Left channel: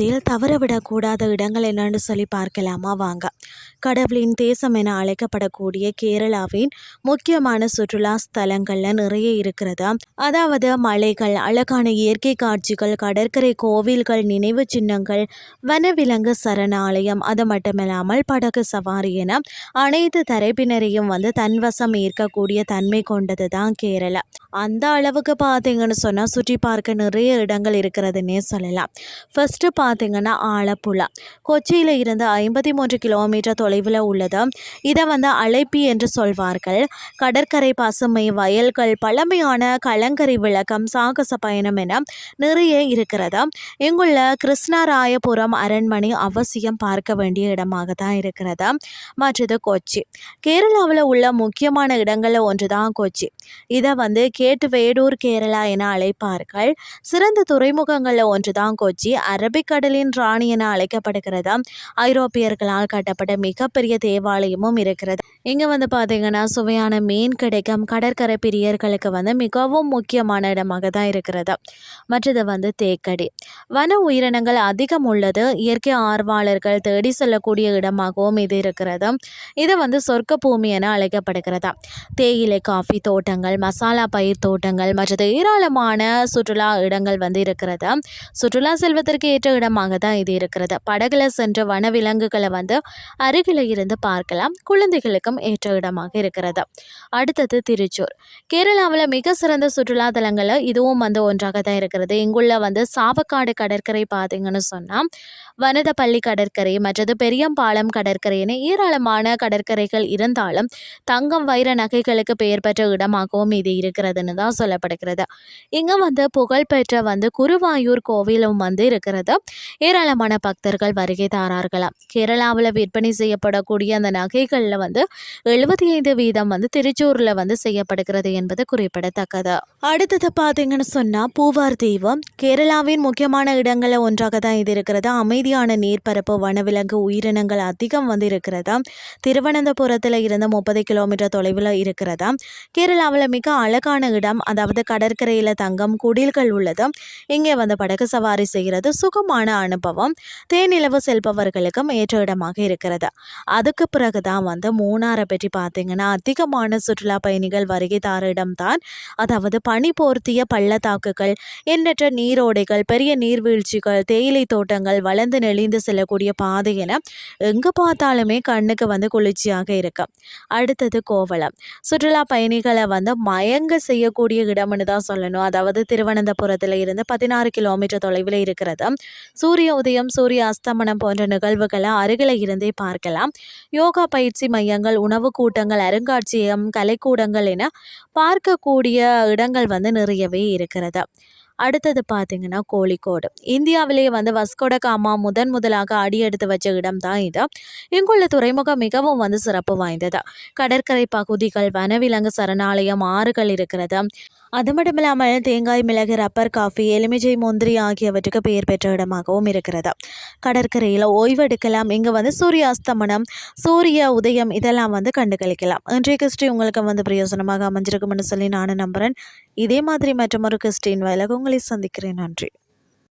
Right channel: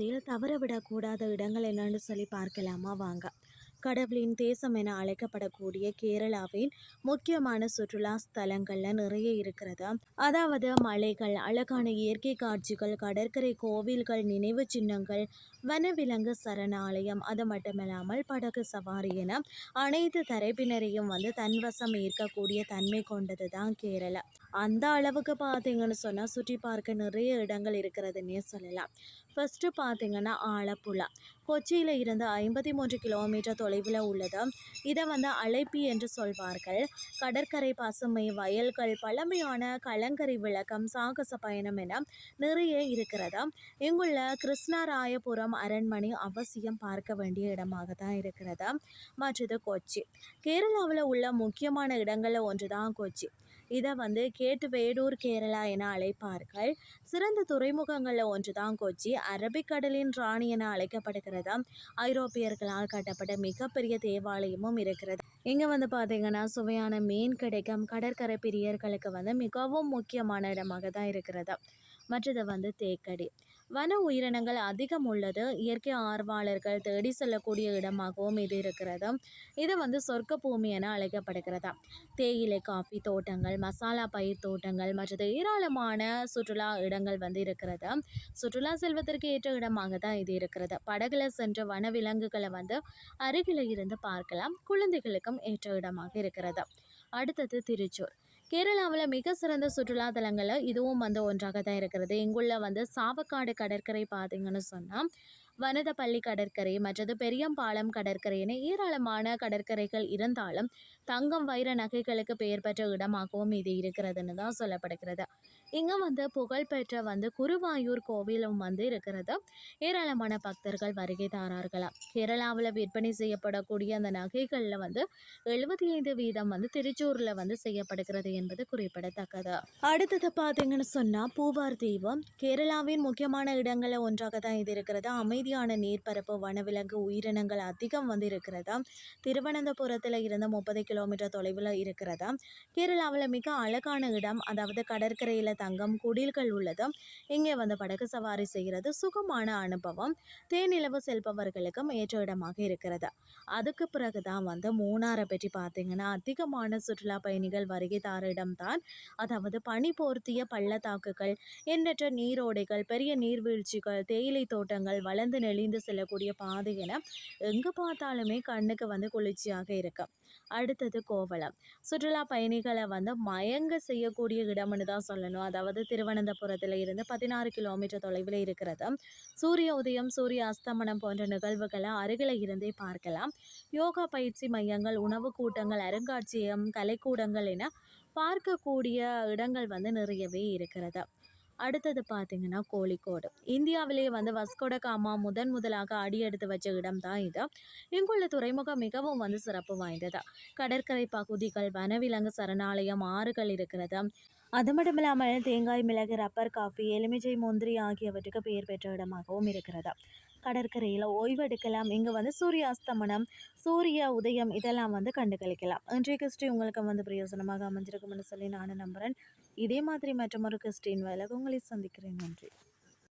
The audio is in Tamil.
பயணத்தில் தவறவிடக்கூடாத இடங்கள் என்னன்னு சொல்லி பார்க்கலாமா வாங்க. கடவுளின் தேசம் என அழைக்கப்படக்கூடிய கேரளாவின் முக்கியமான சுற்றுலா ஸ்தலங்கள்ல நிறைய இருக்கிறது. அதாவது மலைகள், அழகான இயற்கை காட்சிகள், கடற்கரை, கோவில்கள், நினைவு சின்னங்கள், வனவிலங்கு சரணாலயம், அது மட்டுமில்லாமல் படகு சவாரி என அனைத்து தரப்பினரையும் தன்வசம் ஈர்க்கக்கூடிய தன்மை கொண்டது தான் கேரளா. அந்த அளவுக்கு பார்த்தீங்கன்னு சொன்னால் சுற்றி பார்க்க நிறைய இடங்கள் இருக்கிறதுனே சொல்லலாம். ஃபர்ஸ்ட்டு பார்த்தீங்கன்னா ஆலப்புழா. கொச்சியில் இருந்து 53 கிலோமீட்டர் தொலைவில் உள்ளது. இதை அலைப்பி என்று சொல்வார்கள். கடற்கரை, பசுமை வயல்கள், பழமையான கலங்கரை விளக்கம், சாகச பயணம் என நிறைய இருக்கிறது. இங்குள்ள கிருஷ்ணராயபுரம் அரண்மனை அவசியம் பார்க்க வேண்டிய இடமாக தான் இருக்கிறது. மற்றது கொச்சி. கேரளாவில் உள்ள முக்கியமான இடங்களில் ஒன்று தான் கொச்சி. இதை கேட்டு வேடூர் கேரளா என அழைப்பார்கள். சிறந்த துறைமுகங்களில் ஒன்று தான் கொச்சி. அரபிக்கடலின் ராணி என அழைக்கப்படுகிறது. ஐரோப்பியர்களால் கட்டப்பட்ட மிகப்பெரிய தேவாலயமும் இருக்கிறது. இங்கே பார்த்தீங்கன்னா சுவையான மீன் கிடைக்கும். கடற்கரை பிரியர்களுக்கு மிகவும் முக்கியமான இடமாக தான் இருக்கிறது. மற்றது தேக்கடி. வன உயிரினங்கள் அதிகம் உள்ளது. இயற்கை ஆர்வலர்கள் தேடி செல்லக்கூடிய இடமாகவும் இது இருக்கிறது. இது சொர்க்க பூமி என அழைக்கப்படுகிறது. தேயிலை, காஃபி தோட்டங்கள், மசாலா பயிர் தோட்டங்கள், மற்றது ஏராளமான சுற்றுலா இடங்கள் இருக்கிறது. சுற்றுலா செல்வதற்கு ஏற்ற இடமாக தான் இது இருக்கிறது. படகுல சென்று வனவிலங்குகளை அருகில் இருந்து பார்க்கலாம். குழந்தைகளுக்கும் ஏற்ற இடமாக இருக்கிறது. அடுத்தது திருச்சூர். கேரளாவில் மிக சிறந்த சுற்றுலா தலங்களில் இதுவும் ஒன்றாக தான் இருக்கிறது. இங்குள்ள சாவக்காடு கடற்கரை பார்த்தீங்கன்னு சொன்னால் வனதப்பள்ளி கடற்கரை, மற்றது பெரியம்பாலம் கடற்கரை என ஏராளமான கடற்கரைகள் இருந்தாலும் தங்கம், வைர நகைகளுக்கு பெயர் பெற்ற இடமாகவும் இது இருக்கிறதுன்னு தான் சொல்லப்படுகிறது. இங்கே புகழ்பெற்ற குருவாயூர் கோவிலும் இருக்கிறது. ஏராளமான பக்தர்கள் வருகை தாரார்களாம். கேரளாவில் விற்பனை செய்யப்படக்கூடிய அந்த நகைகளில் 75% திருச்சூரில் செய்யப்படுகிறது என்பது குறிப்பிடத்தக்கது. அடுத்தது பார்த்தீங்கன்னு சொன்னால் பூவார் தீவு. கேரளாவின் முக்கியமான இடங்களில் ஒன்றாக தான் இது இருக்கிறது. அமைதியான நீர்ப்பரப்பு, வனவிலங்கு உயிரினங்கள் அதிகம் இருக்கிறது. திருவனந்தபுரத்தில் இருந்து 30 கிலோமீட்டர் தொலைவில் இருக்கிறது. கேரளாவில் மிக அழகான இடம். அதாவது கடற்கரையில் தங்கம் குடில்கள் உள்ளது. இங்கே படகு சவாரி செய்கிறது சுகமான அனுபவம். தேனிலவு செல்பவர்களுக்கும் ஏற்ற இடமாக இருக்கிறது. அதுக்கு பிறகு தான் மூணாரை பற்றி பார்த்தீங்கன்னா அதிகமான சுற்றுலா பயணிகள் வருகை தார இடம்தான். அதாவது பனி போர்த்திய பள்ளத்தாக்குகள், எண்ணற்ற நீரோடைகள், பெரிய நீர்வீழ்ச்சிகள், தேயிலை தோட்டங்கள், வளர்ந்து நெளிந்து செல்லக்கூடிய பாதை என எங்கே பார்த்தாலுமே கண்ணுக்கு குளிர்ச்சியாக இருக்கு. அடுத்தது கோவளம். சுற்றுலா பயணிகளை மயங்க செய்யக்கூடிய இடம்னு தான் சொல்லணும். அதாவது திருவனந்தபுரத்தில் இருந்து 16 கிலோமீட்டர் தொலைவில் இருக்கிறது. சூரிய உதயம், சூரிய அஸ்தமனம் போன்ற நிகழ்வுகளை அருகில் இருந்தே பார்க்கலாம். யோகா பயிற்சி மையங்கள், உணவு கூட்டங்கள், அருங்காட்சியகம், கலைக்கூடங்கள் என பார்க்கக்கூடிய இடங்கள் நிறையவே இருக்கிறது. அடுத்தது பார்த்தீங்கன்னா கோழிக்கோடு. இந்தியாவிலேயே வஸ்கோட காமா முதலாக அடியெடுத்து வச்ச இடம் தான் இது. இங்குள்ள துறைமுகம் மிகவும் சிறப்பு வாய்ந்தது. கடற்கரை பகுதிகள், வனவிலங்கு சரணாலயம், ஆறுகள் இருக்கிறது. அது மட்டும் இல்லாமல் தேங்காய், மிளகு, ரப்பர், காஃபி, எலுமிச்சை, முந்திரி ஆகியவற்றுக்கு பெயர் பெற்ற இடமாகவும் இருக்கிறது. கடற்கரையில் ஓய்வெடுக்கலாம். இங்கே சூரிய அஸ்தமனம், சூரிய உதயம் இதெல்லாம் கண்டுகளிக்கலாம். இன்றைய கிறிஸ்டி உங்களுக்கு பிரயோசனமாக அமைஞ்சிருக்கும்னு சொல்லி நானும் நம்புகிறேன். இதே மாதிரி மற்றொரு கிறிஸ்டின் வேலை உங்களை சந்திக்கிறேன். நன்றி.